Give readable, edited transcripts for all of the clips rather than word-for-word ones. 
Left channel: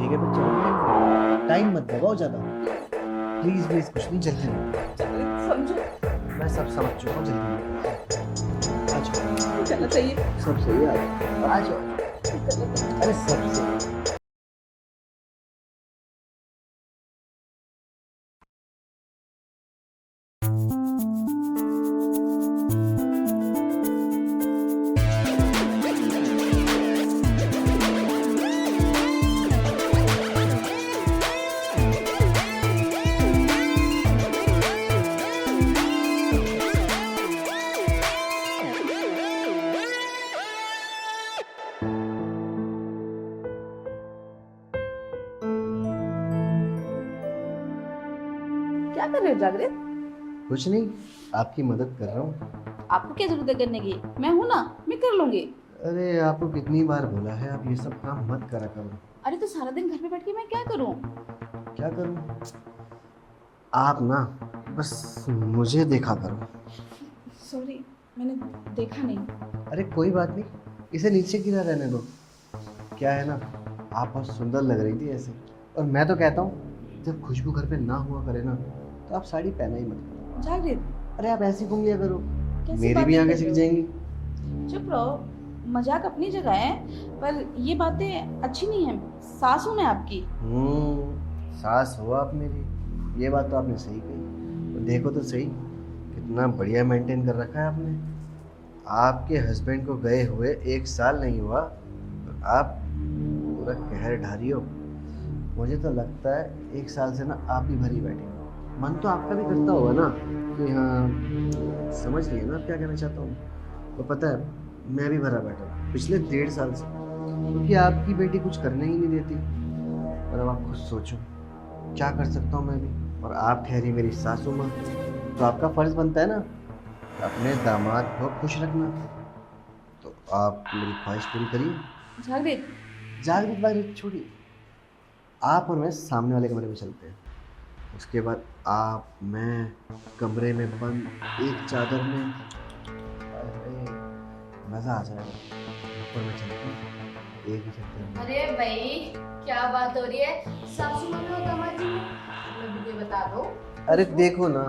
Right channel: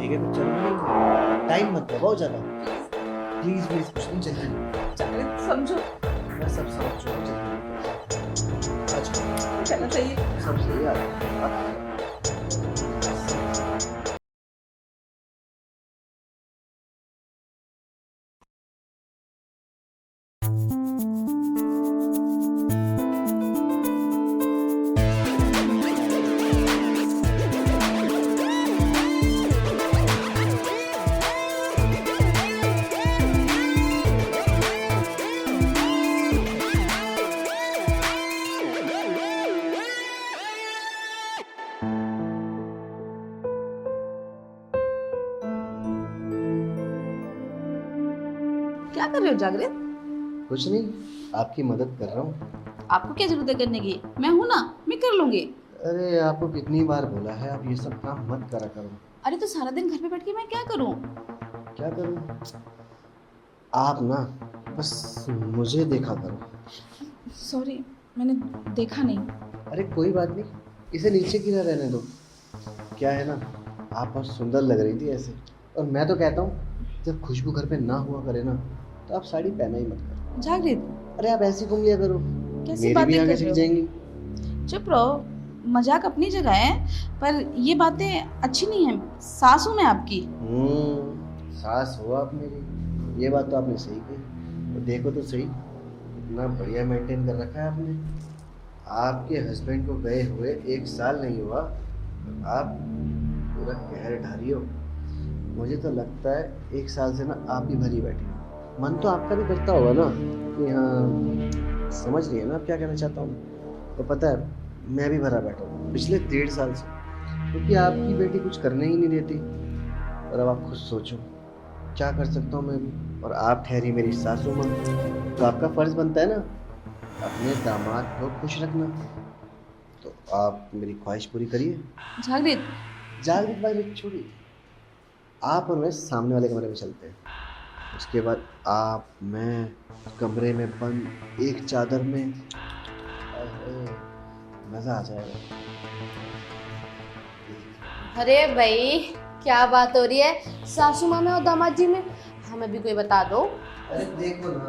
ठीक है फिर चलो मिलेंगे। टाइम मत लगाओ ज़्यादा, प्लीज़ प्लीज़, कुछ नहीं जल्दी। समझो। मैं सब समझ चुका हूँ, जल्दी आ जाओ। चलो सही है। सब सही है, आ जाओ। अरे सब सही है। क्या कर रहे हो जागृत? कुछ नहीं, आपकी मदद कर रहा हूँ। आपको क्या जरूरत है करने की? मैं हूं ना, मैं कर लूंगी। अरे आपको कितनी बार बोला है आप ये सब काम मत करा करो। अरे तो सारा दिन घर पे बैठ के मैं क्या करूं? क्या करूँ? आप ना बस मुझे देखा करो। सॉरी, मैंने देखा नहीं। अरे कोई बात नहीं, इसे नीचे गिरा रहने दो। क्या है ना, आप बहुत सुंदर लग रही थी ऐसे। और मैं तो कहता हूँ जब खुशबू घर पे ना हुआ करे ना, तो आप साड़ी पहना ही मत करो। जागृत, अरे आप ऐसे घूम लिया करो, कैसी मेरी भी बातें आगे कर सीख रहे जाएंगी। हो? चुप रहो। मजाक अपनी जगह है, पर ये बातें अच्छी नहीं है। सास हूं मैं आपकी। सास हो आप मेरी, ये बात तो आपने सही कही। तो देखो तो सही, कितना बढ़िया मेंटेन कर रखा है आपने। आपके हस्बैंड को गए हुए 1 साल नहीं हुआ, आप पूरा कहर ढा रही हो। मुझे तो लगता है 1 साल से ना आप भी भरी बैठे हो। मन तो आपका भी करता होगा ना कि हाँ, समझ रही है ना आप क्या कहना चाहता हूँ। तो पता है, मैं भी भरा बैठा हूँ पिछले 1.5 साल से, क्योंकि आपकी बेटी कुछ करने ही नहीं देती। और अब आप खुद सोचो, क्या कर सकता हूँ मैं भी, और आप ठहरी मेरी सासू माँ। तो आपका फर्ज बनता है ना अपने दामाद को खुश रखना। तो आप मेरी ख्वाहिश पूरी करिए। जागृत, जागृत वागृत छोड़िए, आप और मैं सामने वाले कमरे में चलते हैं। उसके बाद आप मैं कमरे में बंद एक चादर में, हाय हाय, मज़ा आ जाएगा। चलो चलते हैं, एक ही साथ में। अरे भाई, क्या बात हो रही है सासू माँ में और दामाद जी में? हमें भी कोई बता दो। अरे देखो ना,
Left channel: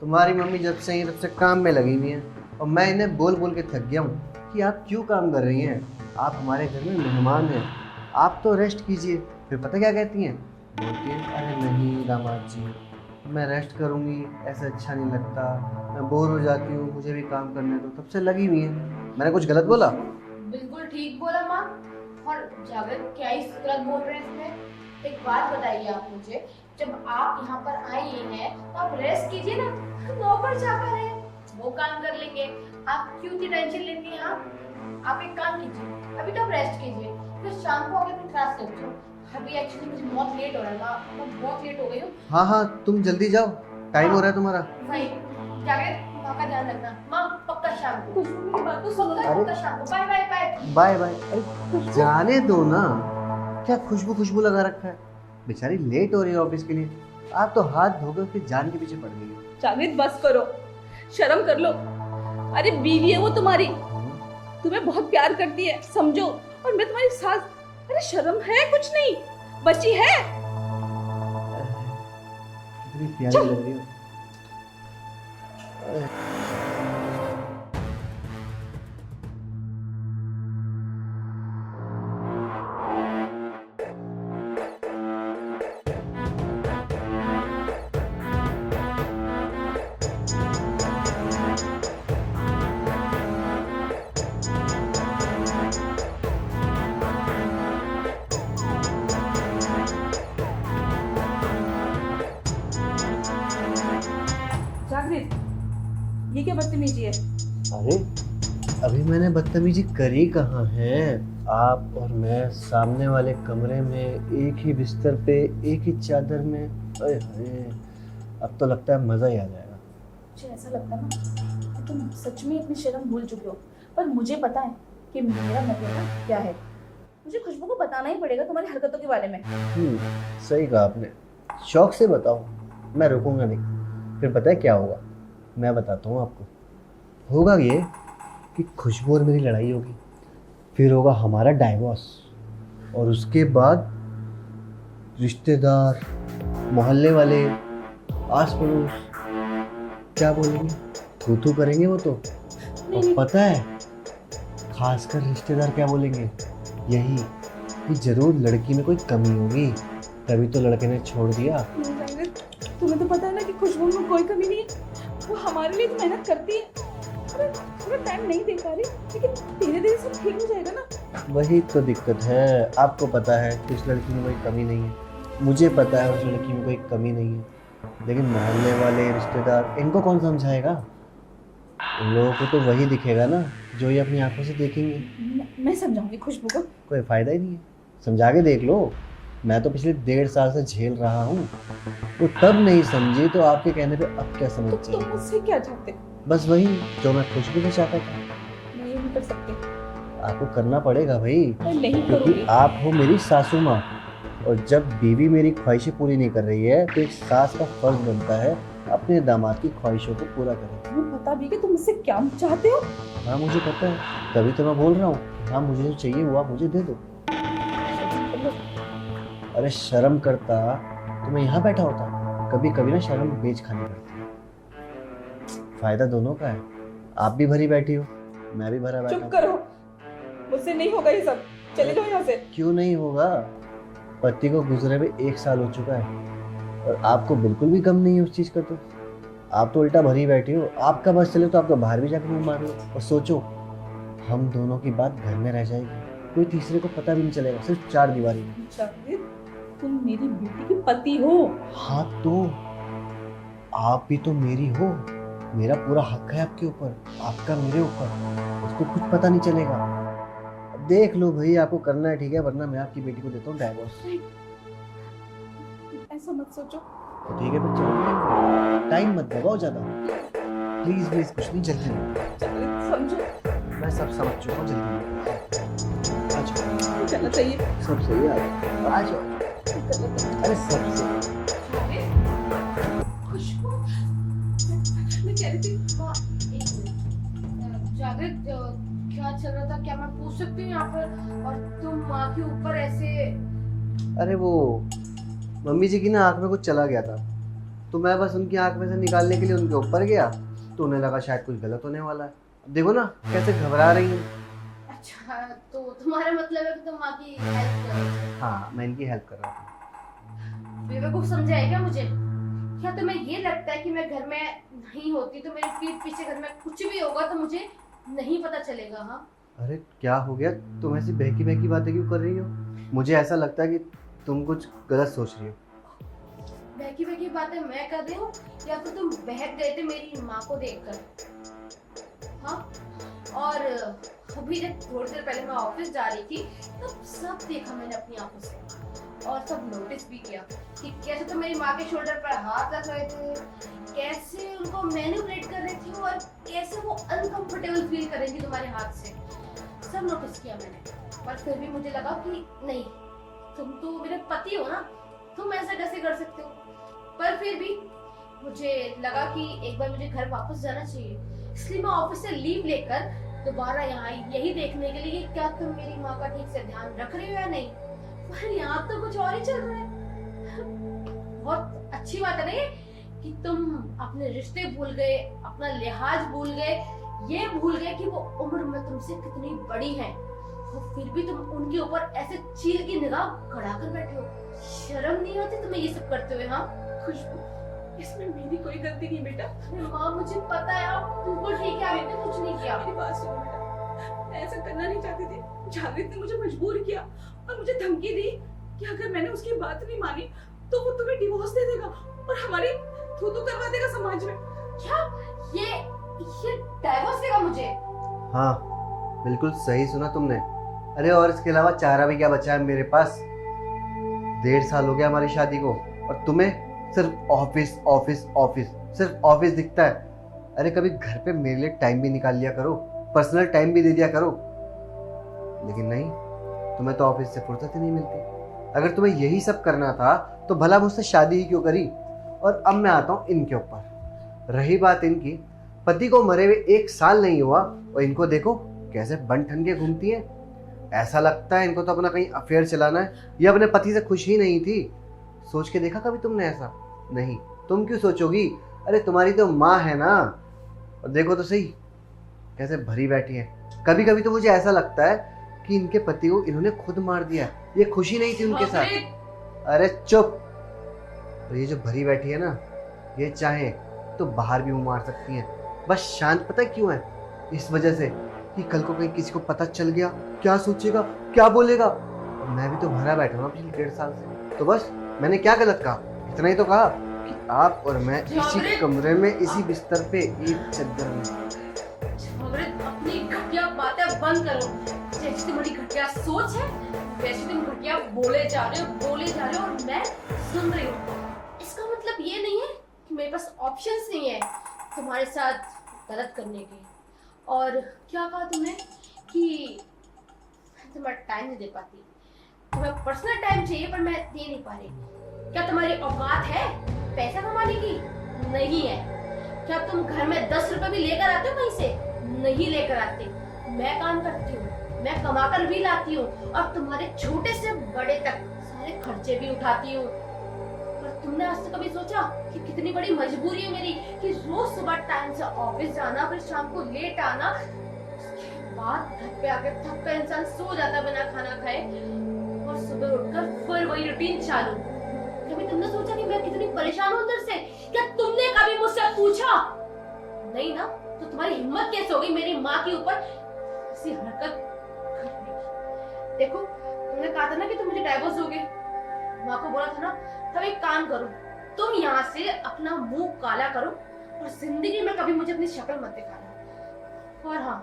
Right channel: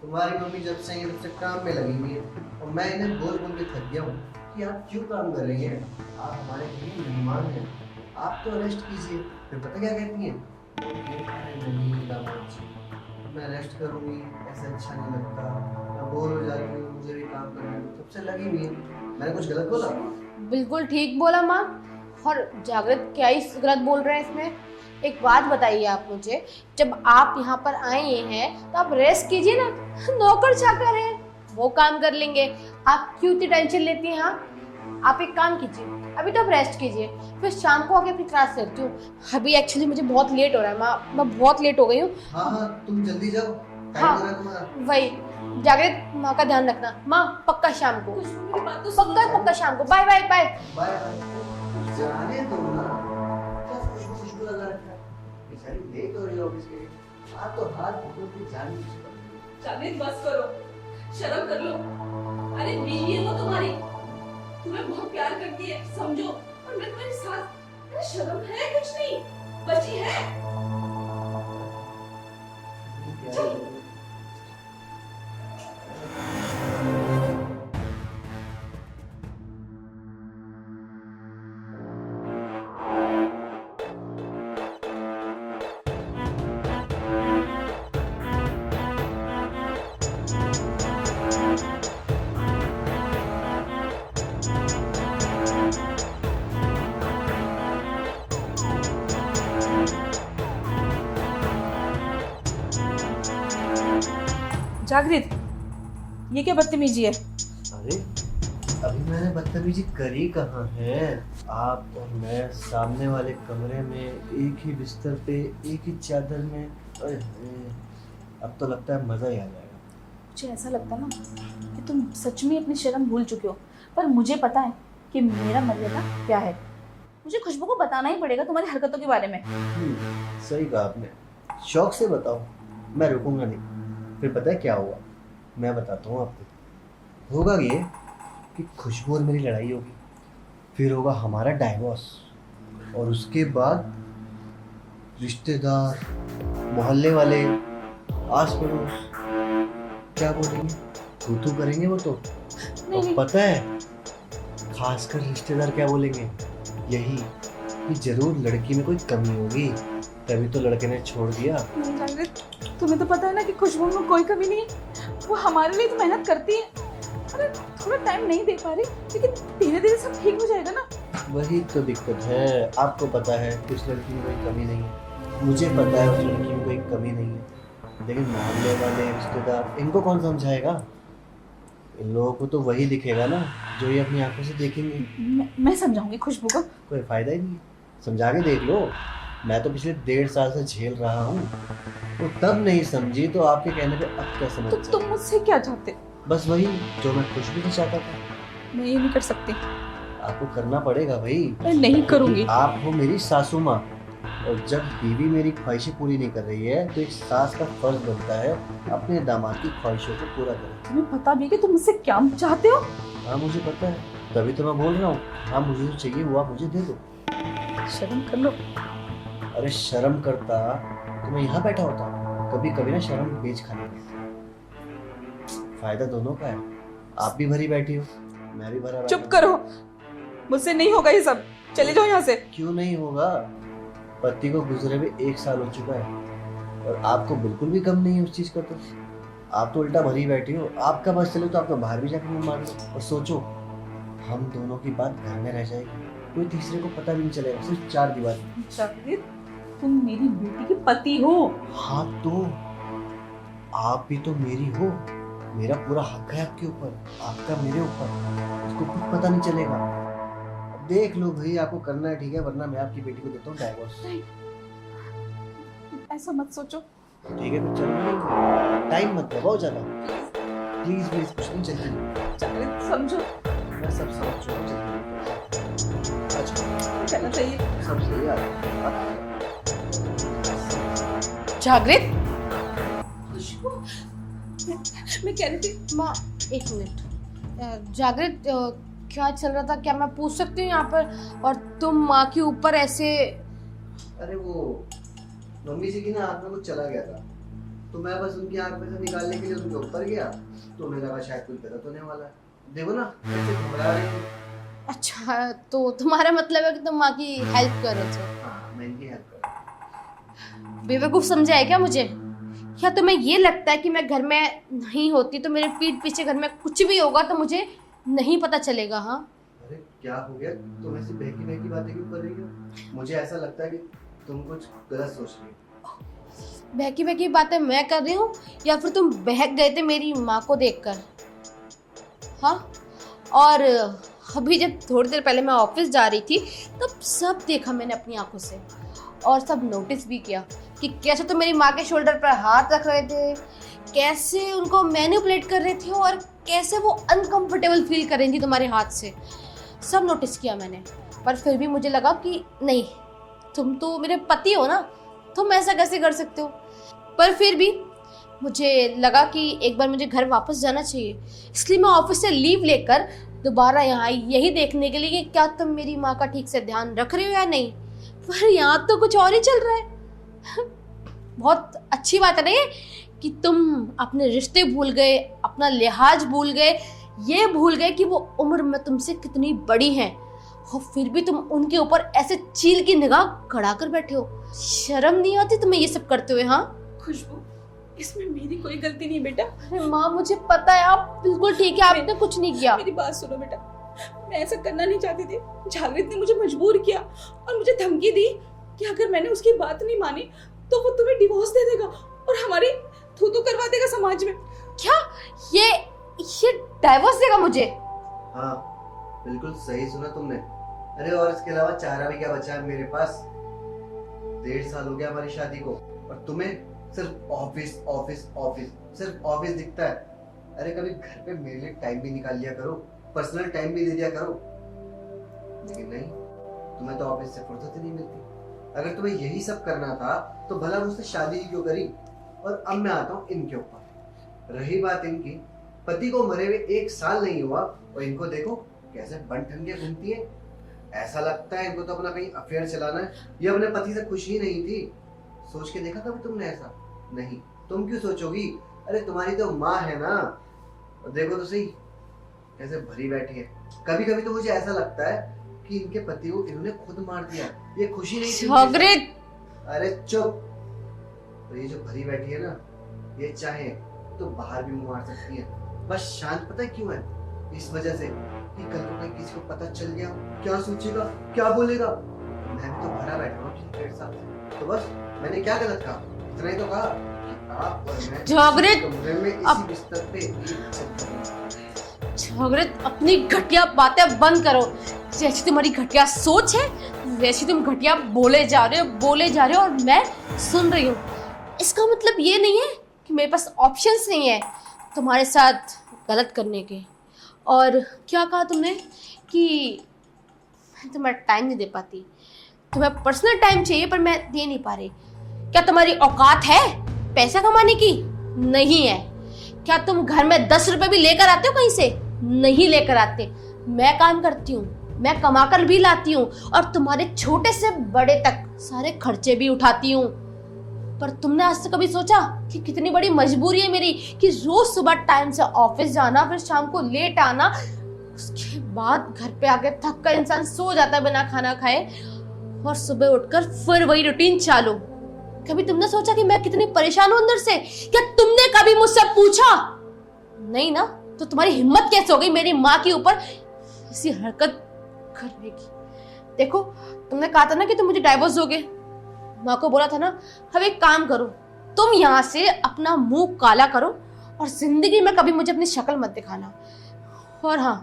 तुम्हारी मम्मी जब से ही तब से काम में लगी हुई है, और मैं इन्हें बोल बोल के थक गया हूँ कि आप क्यों काम कर रही हैं। आप हमारे घर में मेहमान हैं, आप तो रेस्ट कीजिए। फिर पता क्या कहती हैं? बोलती हैं, अरे नहीं दामाद जी, मैं रेस्ट करूँगी, ऐसा अच्छा नहीं लगता, मैं बोर हो जाती हूँ, मुझे भी काम करने दो। तब से लगी हुई है। मैंने कुछ गलत बोला? बिल्कुल ठीक बोला माँ। और जागृत क्या ही गलत बोल रहे हैं इसमें? एक बात बताइए आप मुझे, जब आप यहाँ पर आए हैं तो आप रेस्ट कीजिए ना। नौकर चाकर है, वो काम कर लेंगे। आप क्यों इतनी टेंशन लेती हैं? हाँ, आप एक काम कीजिए, अभी तो आप रेस्ट कीजिए, फिर शाम को आके अपनी क्लास करती हूँ। अभी एक्चुअली मुझे बहुत लेट हो रहा है माँ, मैं बहुत लेट हो गई हूँ। हाँ हाँ, तुम जल्दी जाओ, टाइम हो रहा है तुम्हारा। वही, जागृत माँ का ध्यान रखना। माँ पक्का शाम को, पक्का पक्का शाम को। Bye bye bye. Bye bye. अरे जाने दो ना, क्या खुशबू खुशबू लगा रखा है। बेचारी लेट हो रही है ऑफिस के लिए, आप तो हाथ धोकर फिर जान के पीछे पड़ गई हो। जागृत बस करो, शर्म कर लो। अरे बीवी है वो तुम्हारी, तुम्हें बहुत प्यार करती है, समझो। और मैं तुम्हारी सास। अरे शर्म है कुछ नहीं, बची है। इतनी प्यारी लग रही हो। जागृत, ये क्या बदतमीजी है? अरे अभी मैंने बदतमीजी करी कहाँ है। आप और मैं सामने वाले कमरे में एक ही बिस्तर पे एक ही चादर में। अरे अरे, अब तो लगता है मज़ा ही आ जाएगा। मुझे ऐसा लगता है ना कि तुम सच में अपनी शर्म भूल चुके हो, पर मुझे पता है कि मेरा बनना क्या है। मुझे खुशबू को बताना ही पड़ेगा तुम्हारी हरकतों के बारे में। सही कहा आपने, शौक से बताओ, मैं रुकूंगा नहीं। फिर पता है क्या होगा, मैं बताता हूँ आपको। होगा ये कि खुशबू और मेरी लड़ाई होगी, फिर होगा हमारा डाइवोर्स, और उसके बाद रिश्तेदार, मोहल्ले वाले, आस पड़ोस क्या बोलेंगे? तू करेंगे वो तो। नहीं, और पता है खासकर रिश्तेदार क्या बोलेंगे? यही कि जरूर लड़की में कोई कमी होगी, तभी तो लड़के ने छोड़ दिया। जागृत, तुम्हें तो पता है ना कि खुशबू में कोई कमी नहीं है। वो हमारे लिए तो मेहनत करती है। अरे थोड़ा टाइम नहीं दे पा रही, लेकिन धीरे धीरे सब ठीक हो जाएगा ना। वही तो दिक्कत है। आपको पता है कि उस लड़की में कोई कमी नहीं है, मुझे पता है उस लड़की में कोई कमी नहीं है, लेकिन मोहल्ले वाले, रिश्तेदार, इनको कौन समझाएगा? उन लोगों को तो वही दिखेगा ना जो ये अपनी आंखों से देखेंगे। मैं समझाऊंगी खुशबू को। कोई फायदा ही नहीं है, समझा के देख लो। मैं तो पिछले 1.5 साल से झेल रहा हूँ, वो तब नहीं समझी तो आपके कहने पे अब क्या समझ तुम जाए? मुझसे क्या चाहते? बस वही जो मैं खुशबू से चाहता था। मैं ये नहीं कर सकती। आपको करना पड़ेगा भाई, मैं नहीं करूंगी। क्योंकि आप हो मेरी सासू माँ, और जब बीवी मेरी ख्वाहिशें पूरी नहीं कर रही है तो एक सास का फर्ज बनता है अपने दामाद की ख्वाहिशों को पूरा करें। तुम्हें पता भी है कि तुम मुझसे क्या चाहते हो? हाँ मुझे पता है, तभी तो मैं बोल रहा हूँ। हाँ मुझे जो चाहिए वो आप मुझे दे दो। शर्म कर लो। अरे शर्म करता तो मैं यहाँ बैठा होता। कभी कभी ना शर्म बेच खानी पड़ती है, फायदा दोनों का है। आप भी भरी बैठी हो, मैं भी भरा बैठा चुप हूँ। करो, मुझसे नहीं होगा ये सब। चले जाओ यहाँ से। क्यों नहीं होगा? पति को गुजरे हुए 1 साल हो चुका है और आपको बिल्कुल भी कम नहीं है उस चीज का। तो आप तो उल्टा भरी बैठी हो। आपका बस चले तो आपका बाहर भी जाकर मुंह मार लो और सोचो हम दोनों की बात घर में रह जाएगी, कोई तीसरे को पता भी नहीं चलेगा, सिर्फ 4 दीवारी में। जागृत, तुम मेरी बेटी के पति हो। हाँ तो आप भी तो मेरी हो, मेरा पूरा हक है आपके ऊपर, आपका मेरे ऊपर। उसको कुछ पता नहीं चलेगा। देख लो भाई, आपको करना है ठीक है, वरना मैं आपकी बेटी को देता हूँ डाइवोर्स। ऐसा मत सोचो। ठीक है फिर चलो, टाइम मत दबाओ ज्यादा, प्लीज प्लीज। कुछ नहीं जल्दी, जागृत समझो। मैं सब समझ चुका हूँ। चलो चाहिए। सब सही है, आ जाओ। अरे सब सही। जागृत, खुशबू, मैं कह रही थी। माँ 1 मिनट। जागृत, क्या चल रहा था? क्या मैं पूछ सकती हूँ यहाँ पर? और तुम माँ के ऊपर ऐसे। अरे वो मम्मी जी की ना आँख में कुछ चला गया था, तो मैं बस उनकी आँख में से निकालने के लिए उनके ऊपर गया, तो उन्हें लगा शायद कुछ गलत होने वाला है। देखो ना कैसे घबरा रही है। अच्छा, तो तुम्हारा मतलब है कि तुम माँ की हेल्प कर रहे थे? हाँ मैं इनकी हेल्प कर रहा हूँ। बेवकूफ समझा है क्या मुझे? क्या तुम्हें ये लगता है कि मैं घर में नहीं होती तो मेरे पीठ पीछे घर में कुछ भी होगा तो मुझे नहीं पता चलेगा? हाँ, अरे क्या हो गया, तुम ऐसी बहकी बहकी बातें क्यों कर रही हो? मुझे ऐसा लगता है कि तुम कुछ गलत सोच रही हो। बहकी बहकी बातें मैं कर रही हूँ या फिर तुम बहक गए थे मेरी माँ को देखकर? हाँ, और अभी जब थोड़ी देर पहले मैं ऑफिस जा रही थी तब सब देखा मैंने अपनी आंखों से, और सब नोटिस भी किया कि कैसे तुम मेरी माँ के शोल्डर पर हाथ रख रहे थे, कैसे उनको मैनिपुलेट कर रहे थे और कैसे वो अनकंफर्टेबल फील कर रही थी तुम्हारे हाथ से। सब नोटिस किया मैंने, पर फिर भी मुझे लगा कि नहीं, तुम तो मेरे पति हो ना, तुम ऐसा कैसे कर सकते हो? पर फिर भी मुझे लगा कि एक बार मुझे घर वापस जाना चाहिए, इसलिए मैं ऑफिस से लीव लेकर दोबारा यहाँ आई, यही देखने के लिए कि क्या तुम मेरी माँ का ठीक से ध्यान रख रहे हो या नहीं। पर यहाँ तो कुछ और ही चल रहा है। बहुत अच्छी बात है ना ये कि तुम अपने रिश्ते भूल गए, अपना लिहाज भूल गए, ये भूल गए कि वो उम्र में तुमसे कितनी बड़ी हैं, और फिर भी तुम उनके ऊपर ऐसे चील की निगाह गड़ा कर बैठे हो। शर्म नहीं आती तुम्हें ये सब करते हुए? हाँ खुशबू, इसमें मेरी कोई गलती नहीं बेटा। अरे माँ, मुझे पता है आप बिल्कुल ठीक है, आपने कुछ नहीं किया। मेरी बात सुनो बेटा, मैं ऐसा करना नहीं चाहती थी। जागृत ने मुझे मजबूर किया और मुझे धमकी दी कि अगर मैंने उसकी बात नहीं मानी तो वो तुम्हें डिवोर्स दे देगा और हमारी थू-थू करवा देगा समाज में। क्या ये डाइवोर्स देगा मुझे? हाँ बिल्कुल सही सुना तुमने। अरे और इसके अलावा चारा भी क्या बचा है मेरे पास? 1.5 साल हो गया हमारी शादी को और तुम्हें सिर्फ ऑफिस ऑफिस ऑफिस, सिर्फ ऑफिस दिखता है। अरे कभी घर पे मेरे लिए टाइम भी निकाल लिया करो, पर्सनल टाइम भी दे दिया करो। लेकिन नहीं, तुम्हें तो ऑफिस से फुर्सत ही नहीं मिलती। अगर तुम्हें यही सब करना था तो भला मुझसे शादी ही क्यों करी? और अब मैं आता हूँ इनके ऊपर। रही बात इनकी, पति को मरे हुए 1 साल नहीं हुआ और इनको देखो कैसे बन ठन के घूमती है। ऐसा लगता है इनको तो अपना कहीं अफेयर चलाना है। ये अपने पति से खुश ही नहीं थी सोच के देखा कभी तुमने ऐसा? नहीं। तुम क्यों सोचोगी? अरे तुम्हारी तो माँ है ना। और देखो तो सही कैसे भरी बैठी है। कभी कभी तो मुझे ऐसा लगता है कि इनके पति को इन्होंने खुद मार दिया। ये खुशी नहीं थी उनके साथ। अरे चुप। और ये जो भरी बैठी है ना, ये चाहे तो बाहर भी मुंह मार सकती है। बस शांत पता है क्यों है? इस वजह से कि कल को कहीं किसी को पता चल गया, क्या सोचेगा, क्या बोलेगा। मैं भी तो भरा बैठा हूँ पिछले 1.5 साल से। तो बस मैंने क्या गलत कहा? इतना ही तो कहा कि आप और मैं इसी कमरे में इसी बिस्तर पे एक चद्दर में। जागृत, अपनी घटिया बातें बंद करो। जैसी तुम्हारी घटिया सोच है वैसी तुम घटिया बोले जा रहे हो और मैं सुन रही हूँ। इसका मतलब ये नहीं है कि मेरे पास ऑप्शंस नहीं है तुम्हारे साथ गलत करने के। और क्या कहा तुमने कि मैं तुम्हें टाइम नहीं दे पाती? तुम्हें पर्सनल टाइम चाहिए पर मैं दे नहीं पा रही। क्या तुम्हारी औकात है पैसा कमाने की? नहीं है। क्या तुम घर में 10 रुपए भी लेकर आते हो कहीं से? नहीं लेकर आते। मैं काम करती हूँ, मैं कमाकर भी लाती हूँ और तुम्हारे छोटे से बड़े तक सारे खर्चे भी उठाती हूँ। पर तुमने आज तक कभी सोचा कि कितनी बड़ी मजबूरी है मेरी कि रोज सुबह टाइम से ऑफिस जाना, फिर शाम को लेट आना, उसके बाद घर पे आके थक कर इंसान सो जाता बिना खाना खाए और सुबह उठकर फिर वही रूटीन चालू। कभी तुमने सोचा कि मैं कितनी परेशान हूं अंदर से? क्या तुमने कभी मुझसे पूछा? नहीं ना। तो तुम्हारी हिम्मत कैसे हो गई मेरी माँ के ऊपर ऐसी हरकत करने की? देखो, तुमने कहा था ना कि तुम मुझे डाइवोर्स दोगे। माँ को बोला था ना। अब एक काम करो, तुम यहाँ से अपना मुंह काला करो और जिंदगी में कभी मुझे अपनी शक्ल मत दिखाना। और हाँ,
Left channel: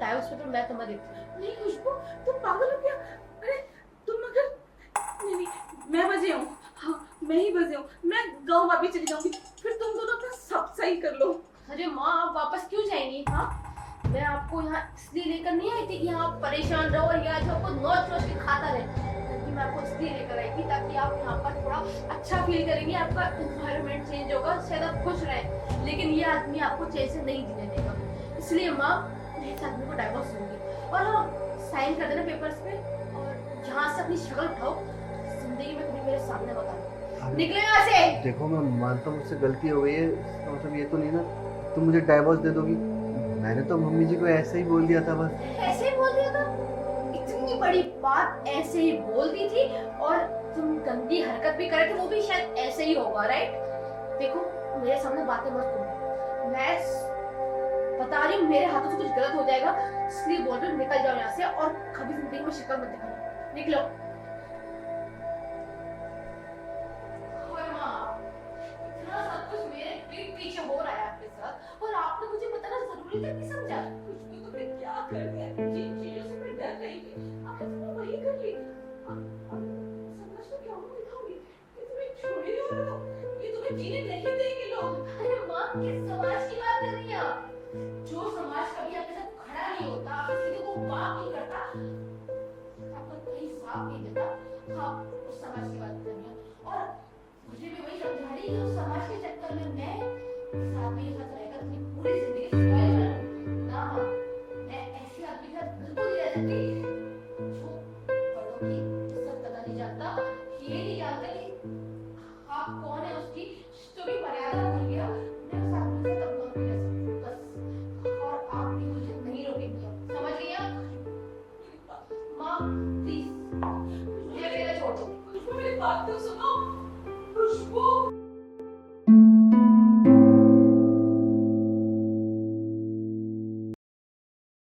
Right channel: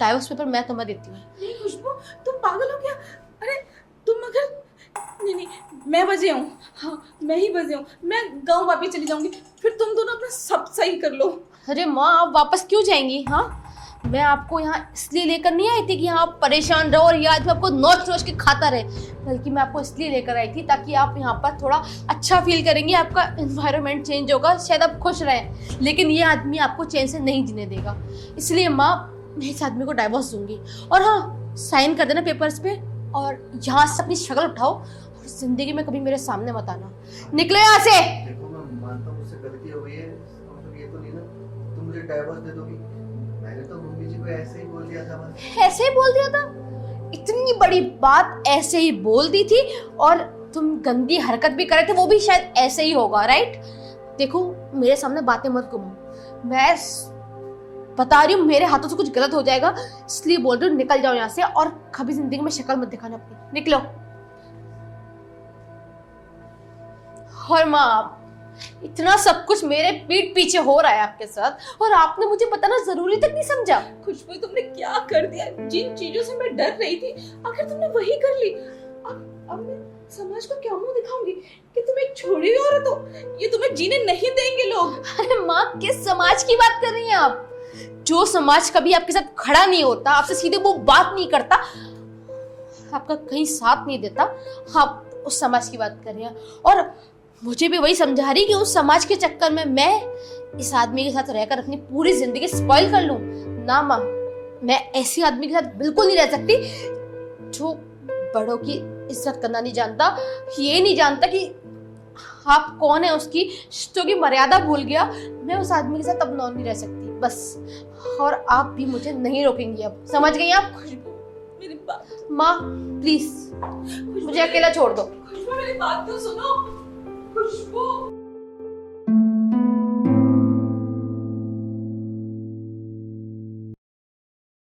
डाइवोर्स पेपर मैं तुम्हें देती हूँ। नहीं खुशबू, तुम पागल हो क्या? अरे तुम अगर नहीं, मैं बजे हूँ। हाँ, मैं ही बजे हूँ। मैं गाँव वापस चली जाऊंगी, फिर तुम दोनों अपना सब सही कर लो। अरे माँ, आप वापस क्यों जाएंगी? हाँ, मैं आपको यहाँ इसलिए लेकर नहीं आई थी कि यहाँ आप परेशान रहो और याद आपको नोच नोच के खाता रहे, बल्कि मैं आपको इसलिए लेकर आई थी ताकि आप यहाँ पर थोड़ा अच्छा फील करेंगे, आपका एनवायरनमेंट चेंज होगा, शायद आप खुश रहें। लेकिन ये आदमी आपको चैन से नहीं जीने देगा। इसलिए माँ, मैं इस आदमी को डाइवोर्स दूंगी। और हाँ, साइन कर देना पेपर्स पे और यहाँ से अपनी शक्ल उठाओ, जिंदगी में कभी मेरे सामने मत आना। निकलो यहाँ से। देखो, मैं मानता हूँ मुझसे गलती हो गई है, इसका मतलब ये तो नहीं ना तुम मुझे डाइवोर्स दे दोगी? मैंने तो मम्मी जी को ऐसे ही बोल दिया था। बस ऐसे ही बोल दिया था? इतनी बड़ी बात ऐसे ही बोल दी थी और तुम गंदी हरकत भी करे थे, वो भी शायद ऐसे ही होगा, राइट? देखो, मेरे सामने बातें मत करो। मैं बता रही हूँ मेरे हाथों से कुछ गलत हो जाएगा, इसलिए बोल रही हूँ निकल जाओ यहाँ से और कभी जिंदगी में शक्ल मत दिखाना अपनी। निकलो। और माँ, इतना सब कुछ मेरे पीठ पीछे हो रहा है आपके साथ और आपने मुझे बताना जरूरी तक नहीं समझा। खुशबू, तुमने क्या कर दिया? जिन चीजों से मैं डर रही थी आखिर तुमने वही कर ली। अब मैं समाज को क्या मुंह दिखाऊंगी कि तुम एक छोड़ी हुई औरत हो? ये तुम्हें जीने नहीं देंगे लोग। अरे माँ, किस समाज की बात कर रही हैं आप? जो समाज कभी आपके साथ खड़ा नहीं होता, आपसे सीधे वो बात नहीं करता, आपका कहीं साथ नहीं देता, आप उस समाज की बात कर रही हैं। और मुझे भी वही समझा रही कि उस समाज के चक्कर में मैं इस आदमी के साथ रहकर अपनी पूरी जिंदगी स्पॉइल कर लूं। ना माँ, मैं ऐसी आदमी के साथ बिल्कुल नहीं रह सकती जो बड़ों की इज्जत करना नहीं जानता, ये नहीं जानता कि आप कौन है, उसकी रिश्तों की मर्यादा भूल गया। मैं उस आदमी के साथ अब नहीं रह सकती बस। और आप भी मुझे नहीं रोकेंगी अब, समझ गई आप? मेरी बात माँ प्लीज मुझे अकेला छोड़ दो। खुशबू, मेरी बात तो सुनो।